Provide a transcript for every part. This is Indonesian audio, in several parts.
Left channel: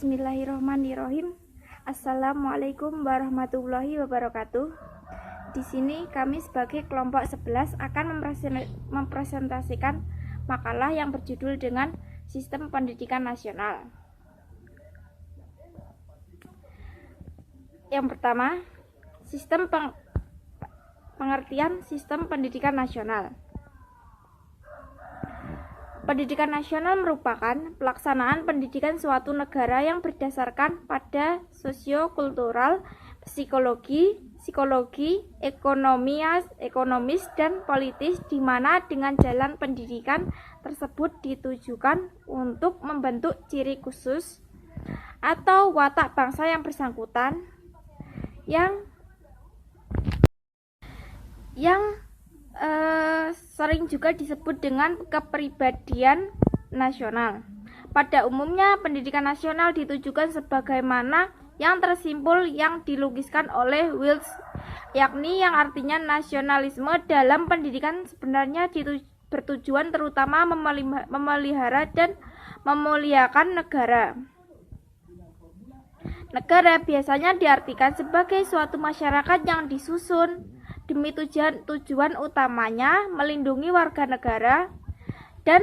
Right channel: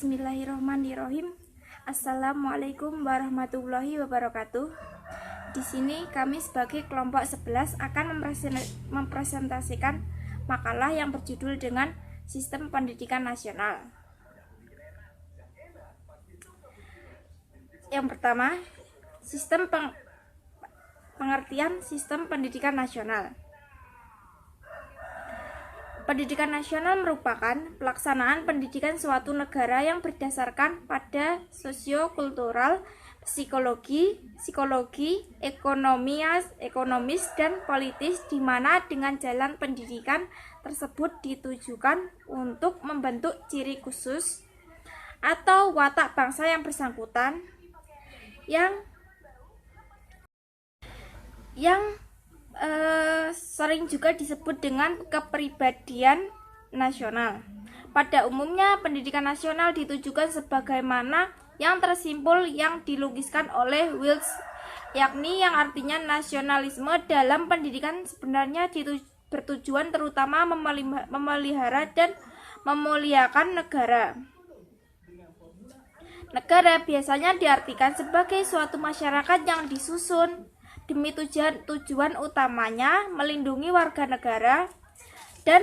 Bismillahirrahmanirrahim. Assalamualaikum warahmatullahi wabarakatuh. Di sini kami sebagai kelompok 11 akan mempresentasikan makalah yang berjudul dengan Sistem Pendidikan Nasional. Yang pertama, pengertian Sistem Pendidikan Nasional. Pendidikan nasional merupakan pelaksanaan pendidikan suatu negara yang berdasarkan pada sosio-kultural, psikologi, ekonomis, dan politis, di mana dengan jalan pendidikan tersebut ditujukan untuk membentuk ciri khusus atau watak bangsa yang bersangkutan yang sering juga disebut dengan kepribadian nasional. Pada umumnya, pendidikan nasional ditujukan sebagaimana yang tersimpul yang dilukiskan oleh Wills, yakni yang artinya nasionalisme dalam pendidikan sebenarnya bertujuan terutama memelihara dan memuliakan negara. Negara biasanya diartikan sebagai suatu masyarakat yang disusun demi tujuan utamanya melindungi warga negara dan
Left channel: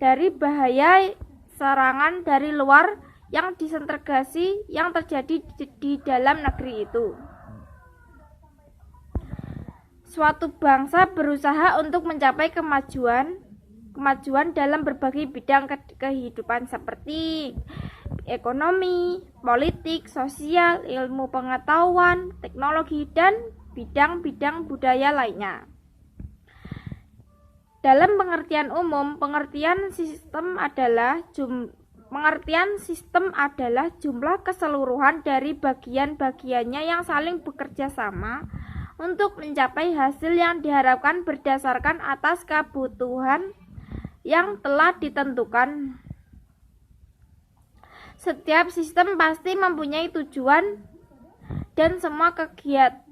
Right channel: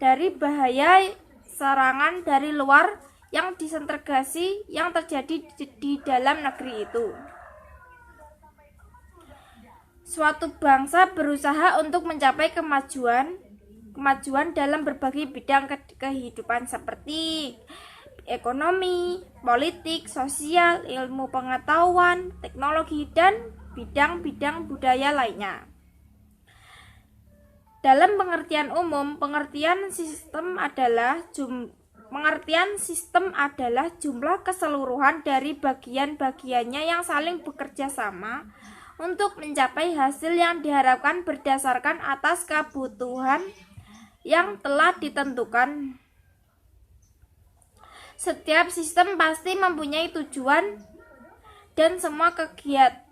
dari bahaya serangan dari luar yang disintegrasi yang terjadi di dalam negeri itu. Suatu bangsa berusaha untuk mencapai kemajuan dalam berbagai bidang kehidupan seperti ekonomi, politik, sosial, ilmu pengetahuan, teknologi, dan bidang-bidang budaya lainnya. Dalam pengertian umum, pengertian sistem adalah jumlah keseluruhan dari bagian-bagiannya yang saling bekerja sama untuk mencapai hasil yang diharapkan berdasarkan atas kebutuhan yang telah ditentukan. Setiap sistem pasti mempunyai tujuan dan semua kegiatan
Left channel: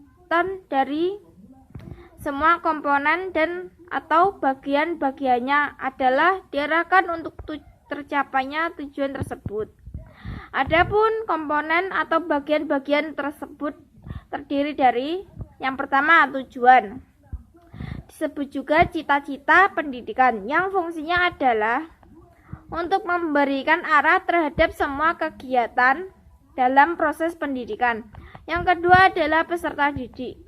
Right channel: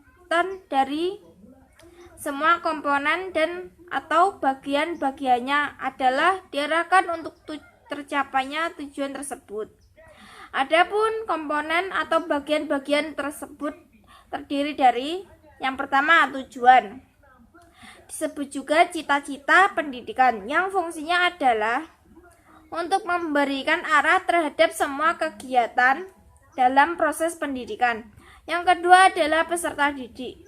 dari semua komponen dan atau bagian-bagiannya adalah diarahkan untuk tercapainya tujuan tersebut. Adapun komponen atau bagian-bagian tersebut terdiri dari yang pertama, tujuan. Disebut juga cita-cita pendidikan, yang fungsinya adalah untuk memberikan arah terhadap semua kegiatan dalam proses pendidikan. Yang kedua adalah peserta didik.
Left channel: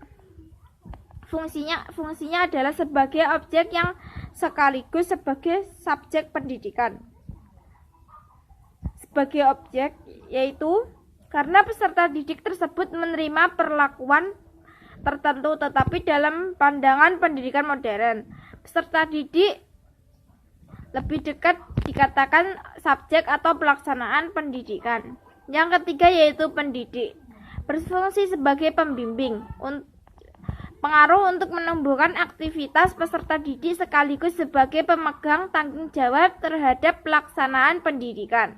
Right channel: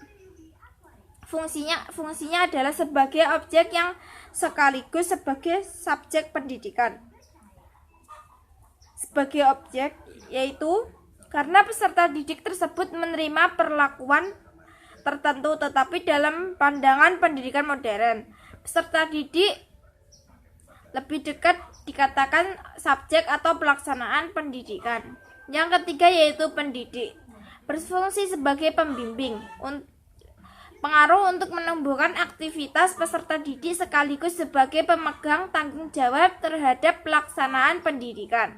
Fungsinya adalah sebagai objek yang sekaligus sebagai subjek pendidikan. Sebagai objek yaitu karena peserta didik tersebut menerima perlakuan tertentu, tetapi dalam pandangan pendidikan modern, peserta didik lebih dekat dikatakan subjek atau pelaksanaan pendidikan. Yang ketiga yaitu pendidik. Berfungsi sebagai pembimbing, pengaruh untuk menumbuhkan aktivitas peserta didik sekaligus sebagai pemegang tanggung jawab terhadap pelaksanaan pendidikan.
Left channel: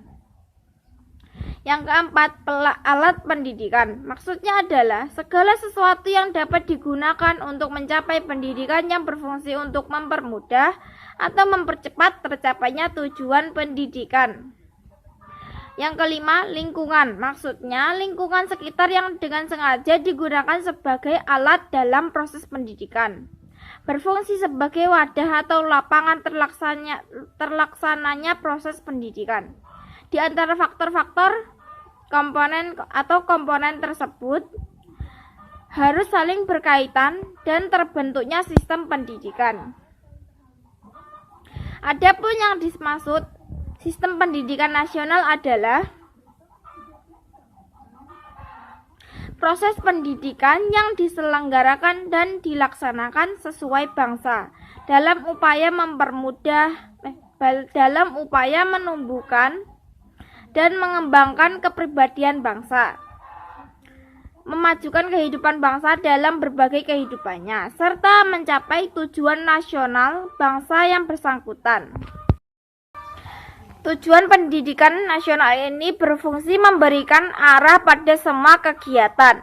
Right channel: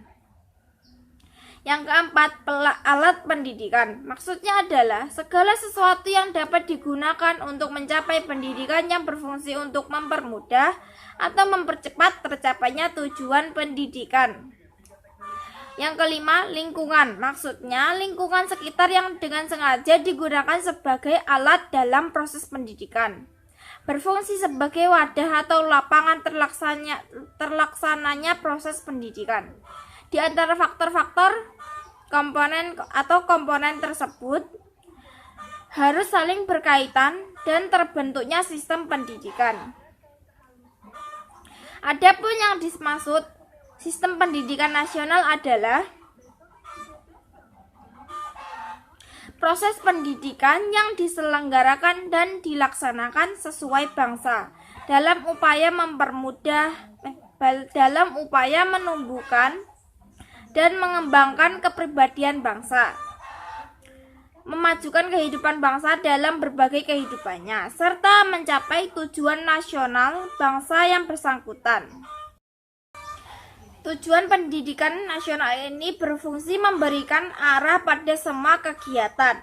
Yang keempat, alat pendidikan. Maksudnya adalah segala sesuatu yang dapat digunakan untuk mencapai pendidikan yang berfungsi untuk mempermudah atau mempercepat tercapainya tujuan pendidikan. Yang kelima, lingkungan. Maksudnya lingkungan sekitar yang dengan sengaja digunakan sebagai alat dalam proses pendidikan. Berfungsi sebagai wadah atau lapangan terlaksananya proses pendidikan. Di antara faktor-faktor komponen tersebut harus saling berkaitan dan terbentuknya sistem pendidikan. Adapun yang dimaksud sistem pendidikan nasional adalah proses pendidikan yang diselenggarakan dan dilaksanakan sesuai bangsa dalam upaya menumbuhkan dan mengembangkan kepribadian bangsa, memajukan kehidupan bangsa dalam berbagai kehidupannya, serta mencapai tujuan nasional bangsa yang bersangkutan. Tujuan pendidikan nasional ini berfungsi memberikan arah pada semua kegiatan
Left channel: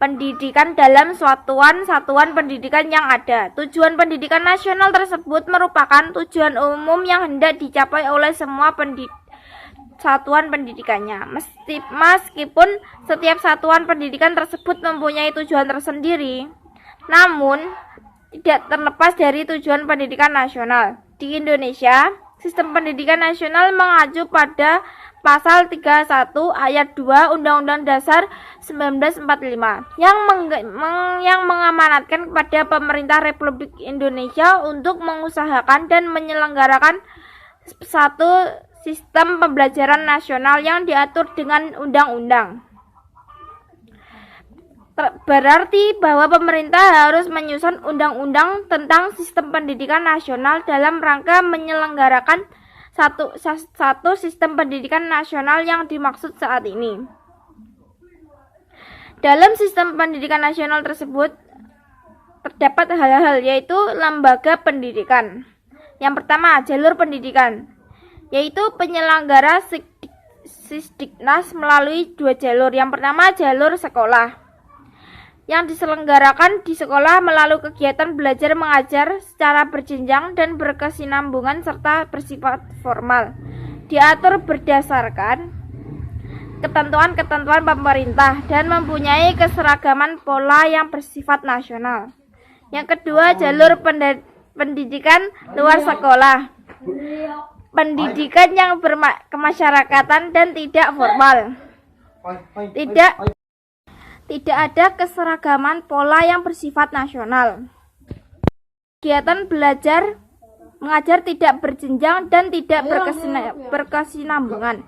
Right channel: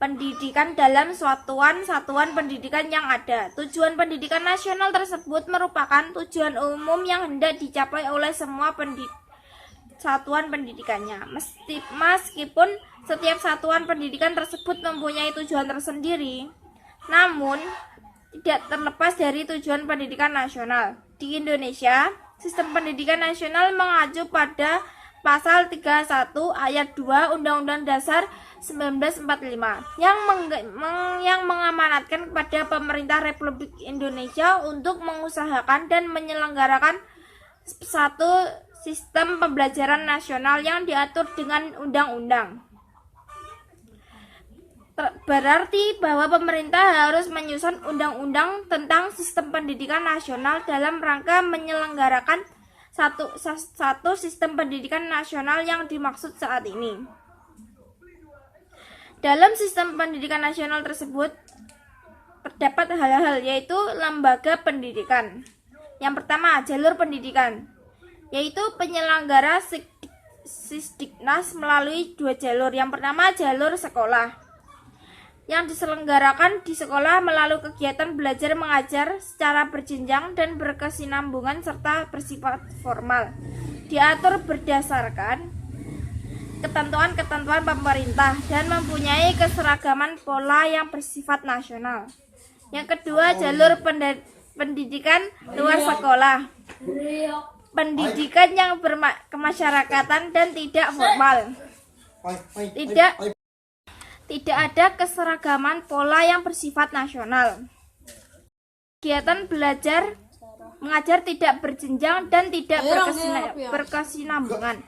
pendidikan dalam satuan pendidikan yang ada. Tujuan pendidikan nasional tersebut merupakan tujuan umum yang hendak dicapai oleh semua satuan pendidikannya. Meskipun setiap satuan pendidikan tersebut mempunyai tujuan tersendiri, namun tidak terlepas dari tujuan pendidikan nasional. Di Indonesia, sistem pendidikan nasional mengacu pada Pasal 31 Ayat 2 Undang-Undang Dasar 1945 yang mengamanatkan kepada pemerintah Republik Indonesia untuk mengusahakan dan menyelenggarakan satu sistem pembelajaran nasional yang diatur dengan undang-undang. Berarti bahwa pemerintah harus menyusun undang-undang tentang sistem pendidikan nasional dalam rangka menyelenggarakan satu sistem pendidikan nasional yang dimaksud saat ini. Dalam sistem pendidikan nasional tersebut terdapat hal-hal, yaitu lembaga pendidikan. Yang pertama, jalur pendidikan, yaitu penyelenggara Sisdiknas melalui dua jalur. Yang pertama, jalur sekolah, yang diselenggarakan di sekolah melalui kegiatan belajar mengajar secara berjenjang dan berkesinambungan serta bersifat formal, diatur berdasarkan ketentuan-ketentuan pemerintah dan mempunyai keseragaman pola yang bersifat nasional. Yang kedua, jalur pendidikan luar sekolah, pendidikan yang berkemasyarakatan dan tidak formal. Tidak ada keseragaman pola yang bersifat nasional. Kegiatan belajar mengajar tidak berjenjang dan tidak berkesinambungan.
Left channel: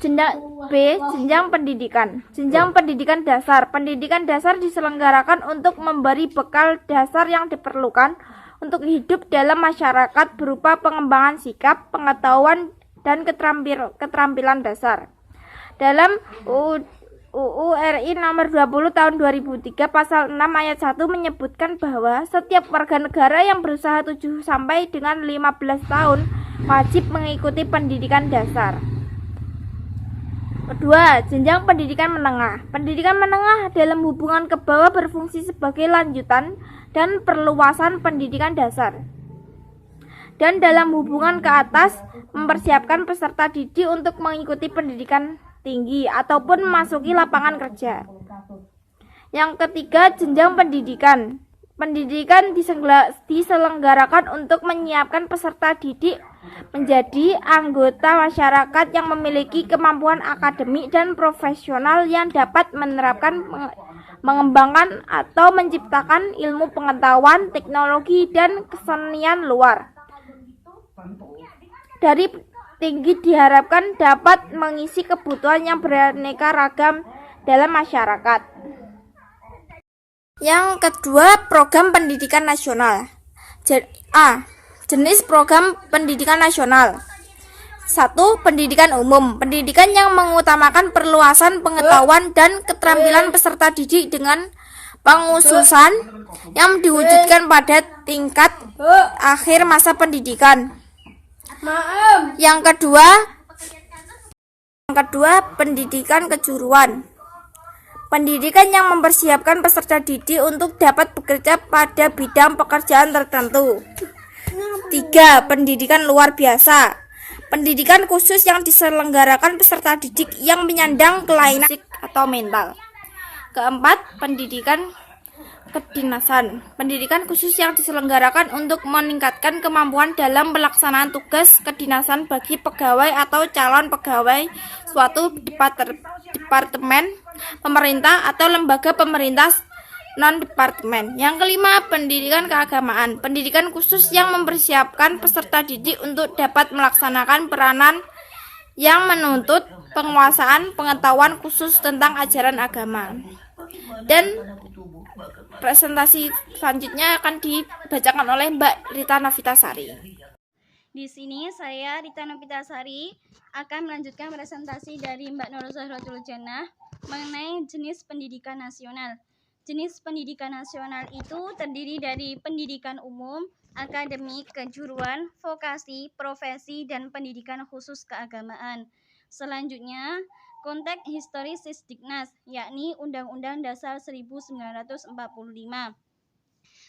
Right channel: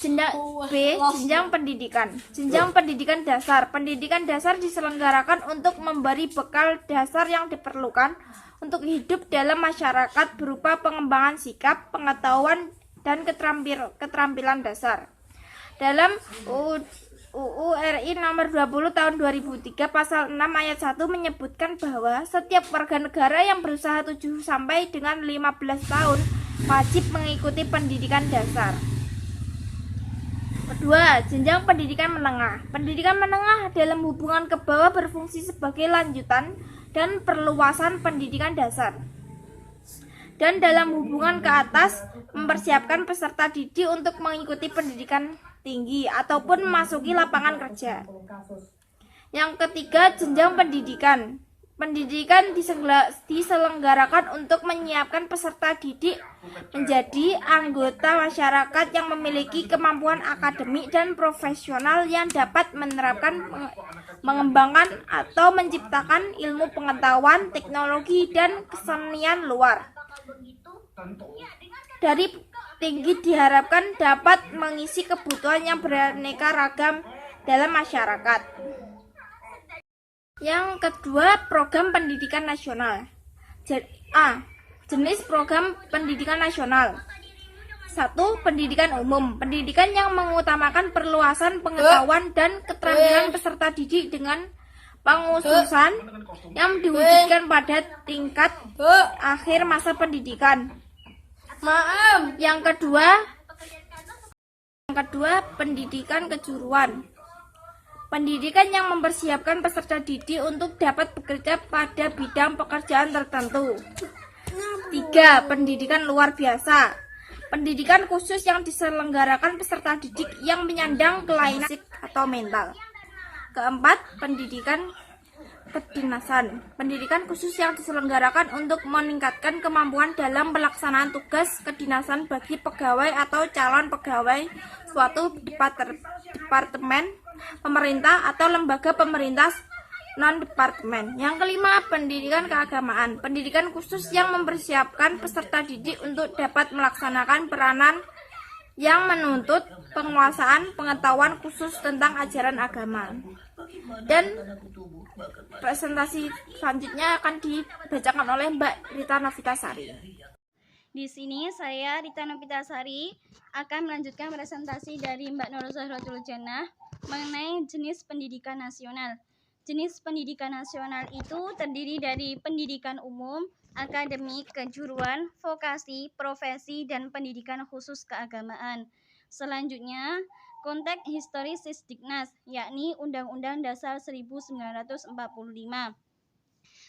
Jenjang pendidikan. Jenjang pendidikan dasar. Pendidikan dasar diselenggarakan untuk memberi bekal dasar yang diperlukan untuk hidup dalam masyarakat berupa pengembangan sikap, pengetahuan, dan keterampilan dasar. Dalam UU RI nomor 20 tahun 2003 pasal 6 ayat 1 menyebutkan bahwa setiap warga negara yang berusaha 7 sampai dengan 15 tahun wajib mengikuti pendidikan dasar. Kedua, jenjang pendidikan menengah. Pendidikan menengah dalam hubungan ke bawah berfungsi sebagai lanjutan dan perluasan pendidikan dasar. Dan dalam hubungan ke atas mempersiapkan peserta didik untuk mengikuti pendidikan tinggi ataupun memasuki lapangan kerja. Yang ketiga, jenjang pendidikan. Pendidikan diselenggarakan untuk menyiapkan peserta didik menjadi anggota masyarakat yang memiliki kemampuan akademik dan profesional yang dapat menerapkan, mengembangkan atau menciptakan ilmu pengetahuan, teknologi, dan kesenian luar. Dari tinggi diharapkan dapat mengisi kebutuhan yang beraneka ragam dalam masyarakat. Yang kedua, program pendidikan nasional. Jenis program pendidikan nasional. 1. Pendidikan umum. Pendidikan yang mengutamakan perluasan pengetahuan dan keterampilan peserta didik dengan pengususan yang diwujudkan pada tingkat akhir masa pendidikan. Yang kedua, pendidikan kejuruan. Pendidikan yang mempersiapkan peserta didik untuk dapat bekerja pada bidang pekerjaan tertentu. 3. Pendidikan luar biasa. Pendidikan khusus yang diselenggarakan peserta didik yang menyandang kelainan fisik atau mental. Keempat, pendidikan kedinasan. Pendidikan khusus yang diselenggarakan untuk meningkatkan kemampuan dalam pelaksanaan tugas kedinasan bagi pegawai atau calon pegawai suatu departemen pemerintah atau lembaga pemerintah non-departemen. Yang kelima, pendidikan keagamaan. Pendidikan khusus yang mempersiapkan peserta didik untuk dapat melaksanakan peranan yang menuntut penguasaan pengetahuan khusus tentang ajaran agama. Dan presentasi selanjutnya akan dibacakan oleh Mbak Rita Novitasari. Di sini saya Rita Novitasari akan melanjutkan presentasi dari Mbak Nur Zahratul Jannah mengenai jenis pendidikan nasional. Jenis pendidikan nasional itu terdiri dari pendidikan umum, akademik, kejuruan, vokasi, profesi, dan pendidikan khusus keagamaan. Selanjutnya, konteks historis Sisdiknas, yakni Undang-Undang Dasar 1945.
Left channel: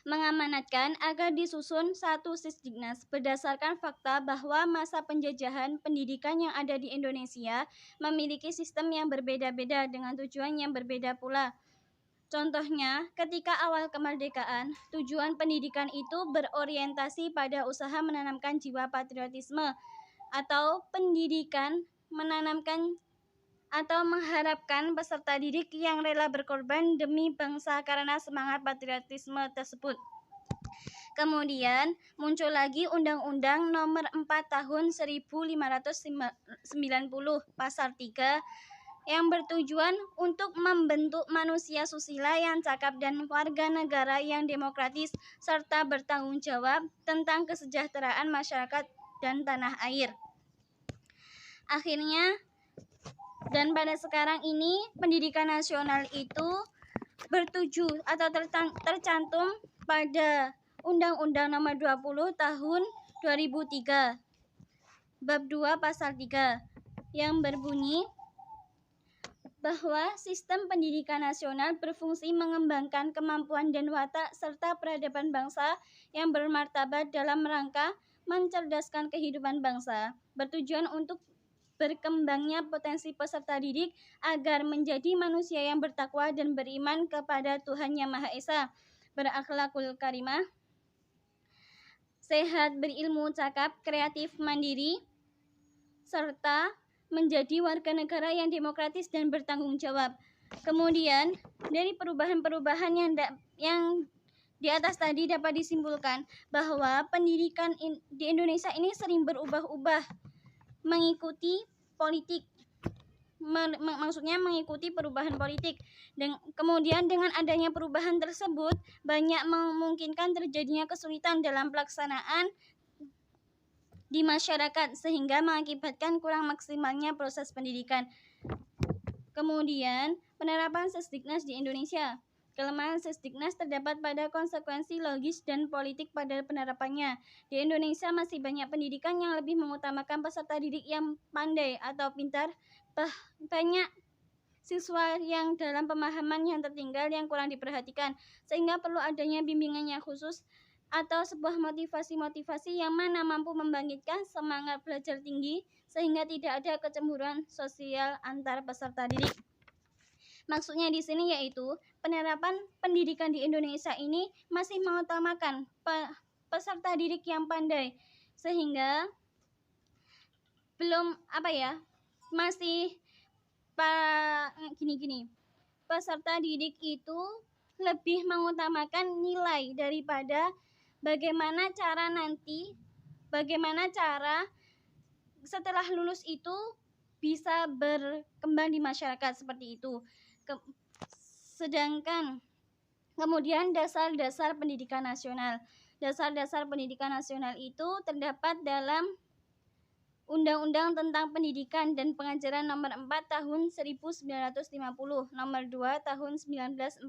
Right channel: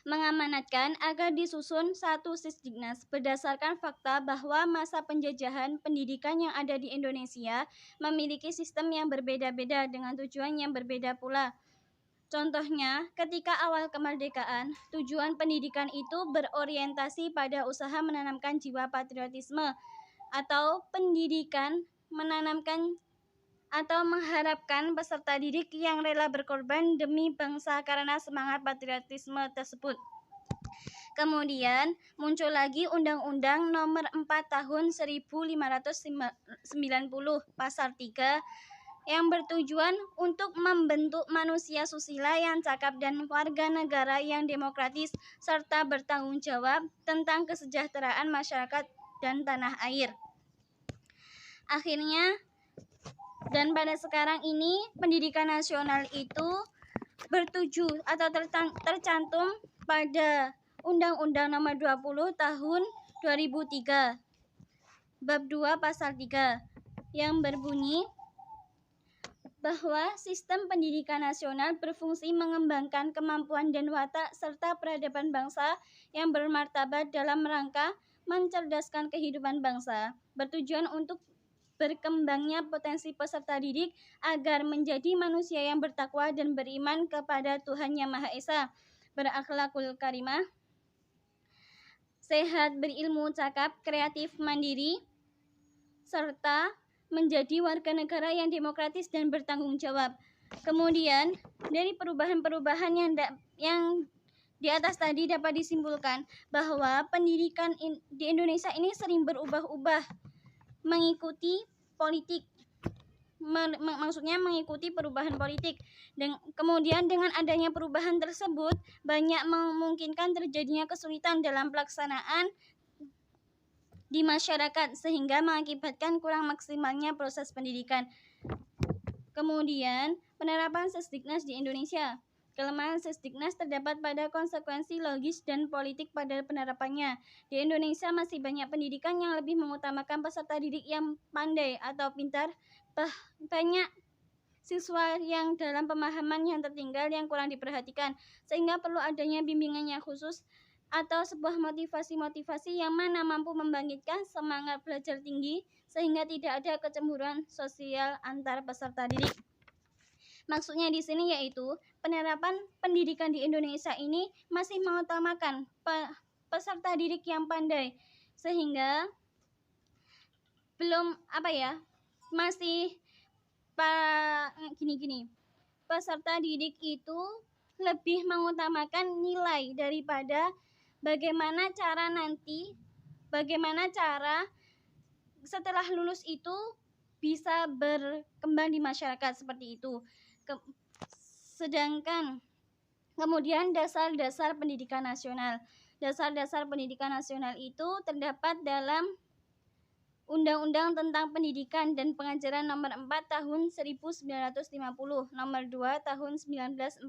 mengamanatkan agar disusun satu Sisdiknas berdasarkan fakta bahwa masa penjajahan pendidikan yang ada di Indonesia memiliki sistem yang berbeda-beda dengan tujuan yang berbeda pula. Contohnya, ketika awal kemerdekaan, tujuan pendidikan itu berorientasi pada usaha menanamkan jiwa patriotisme atau pendidikan menanamkan atau mengharapkan peserta didik yang rela berkorban demi bangsa karena semangat patriotisme tersebut. Kemudian muncul lagi Undang-Undang Nomor 4 Tahun 1590 Pasal 3 yang bertujuan untuk membentuk manusia susila yang cakap dan warga negara yang demokratis serta bertanggung jawab tentang kesejahteraan masyarakat dan tanah air. Akhirnya, dan pada sekarang ini pendidikan nasional itu bertuju atau tercantum pada Undang-Undang Nomor 20 Tahun 2003 Bab 2 Pasal 3 yang berbunyi bahwa sistem pendidikan nasional berfungsi mengembangkan kemampuan dan watak serta peradaban bangsa yang bermartabat dalam rangka mencerdaskan kehidupan bangsa, bertujuan untuk berkembangnya potensi peserta didik agar menjadi manusia yang bertakwa dan beriman kepada Tuhan Yang Maha Esa, berakhlakul karimah, sehat, berilmu, cakap, kreatif, mandiri, serta menjadi warga negara yang demokratis dan bertanggung jawab. Kemudian, dari perubahan-perubahan yang di atas tadi dapat disimpulkan bahwa pendidikan di Indonesia ini sering berubah-ubah mengikuti politik, maksudnya mengikuti perubahan politik. Dan kemudian dengan adanya perubahan tersebut banyak memungkinkan terjadinya kesulitan dalam pelaksanaan di masyarakat sehingga mengakibatkan kurang maksimalnya proses pendidikan. Kemudian penerapan Sisdiknas di Indonesia. Kelemahan Sisdiknas terdapat pada konsekuensi logis dan politik pada penerapannya. Di Indonesia masih banyak pendidikan yang lebih mengutamakan peserta didik yang pandai atau pintar. Banyak siswa yang dalam pemahaman yang tertinggal yang kurang diperhatikan, sehingga perlu adanya bimbingan yang khusus atau sebuah motivasi-motivasi yang mana mampu membangkitkan semangat belajar tinggi sehingga tidak ada kecemburuan sosial antar peserta didik. Maksudnya di sini yaitu penerapan pendidikan di Indonesia ini masih mengutamakan peserta didik yang pandai sehingga belum masih gini. Peserta didik itu lebih mengutamakan nilai daripada bagaimana cara setelah lulus itu bisa berkembang di masyarakat seperti itu. Sedangkan kemudian dasar-dasar pendidikan nasional. Dasar-dasar pendidikan nasional itu terdapat dalam Undang-Undang tentang Pendidikan dan Pengajaran Nomor 4 Tahun 1950, Nomor 2 Tahun 1945,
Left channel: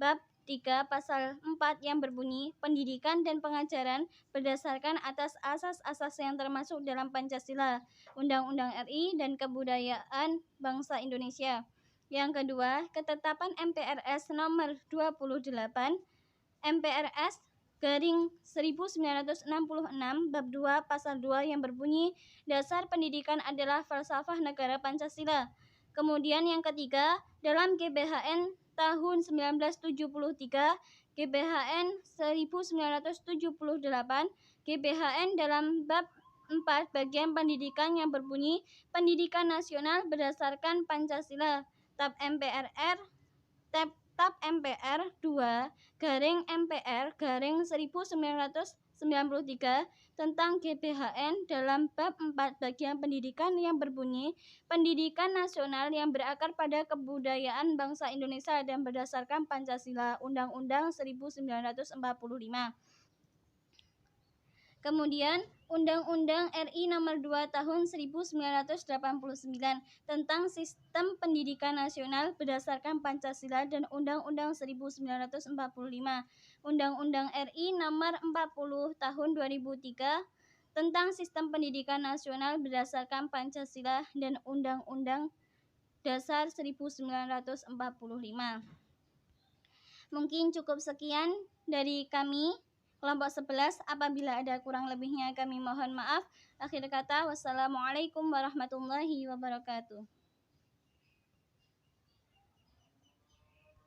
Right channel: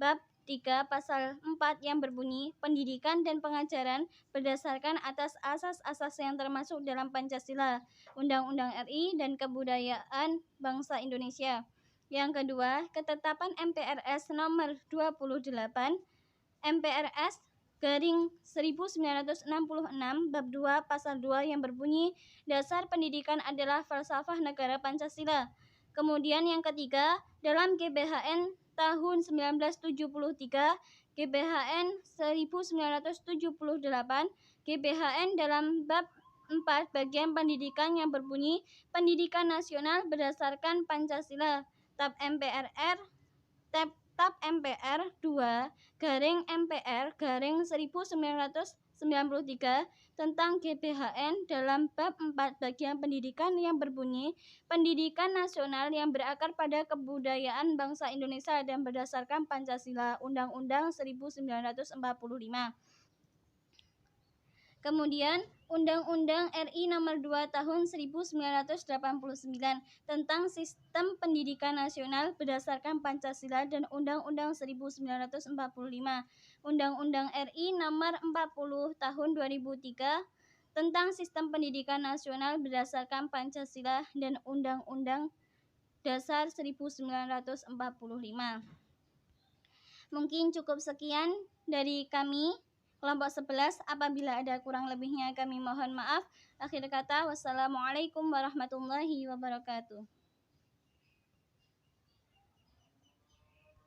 Bab 3 Pasal 4 yang berbunyi pendidikan dan pengajaran berdasarkan atas asas-asas yang termasuk dalam Pancasila, Undang-Undang RI dan Kebudayaan Bangsa Indonesia. Yang kedua, ketetapan MPRS Nomor 28 MPRS Garing 1966 Bab 2 Pasal 2 yang berbunyi dasar pendidikan adalah falsafah negara Pancasila. Kemudian yang ketiga, dalam GBHN tahun 1973, GBHN 1978, GBHN dalam bab 4 bagian pendidikan yang berbunyi pendidikan nasional berdasarkan Pancasila. Tab MPR 2 garing MPR garing 1993 tentang GBHN dalam bab 4 bagian pendidikan yang berbunyi pendidikan nasional yang berakar pada kebudayaan bangsa Indonesia dan berdasarkan Pancasila, Undang-Undang 1945. Kemudian Undang-Undang RI Nomor 2 Tahun 1989 tentang Sistem Pendidikan Nasional berdasarkan Pancasila dan Undang-Undang 1945. Undang-Undang RI Nomor 40 Tahun 2003 tentang Sistem Pendidikan Nasional berdasarkan Pancasila dan Undang-Undang Dasar 1945. Mungkin cukup sekian dari kami kelompok 11. Apabila ada kurang lebihnya kami mohon maaf. Akhir kata, wassalamualaikum warahmatullahi wabarakatuh.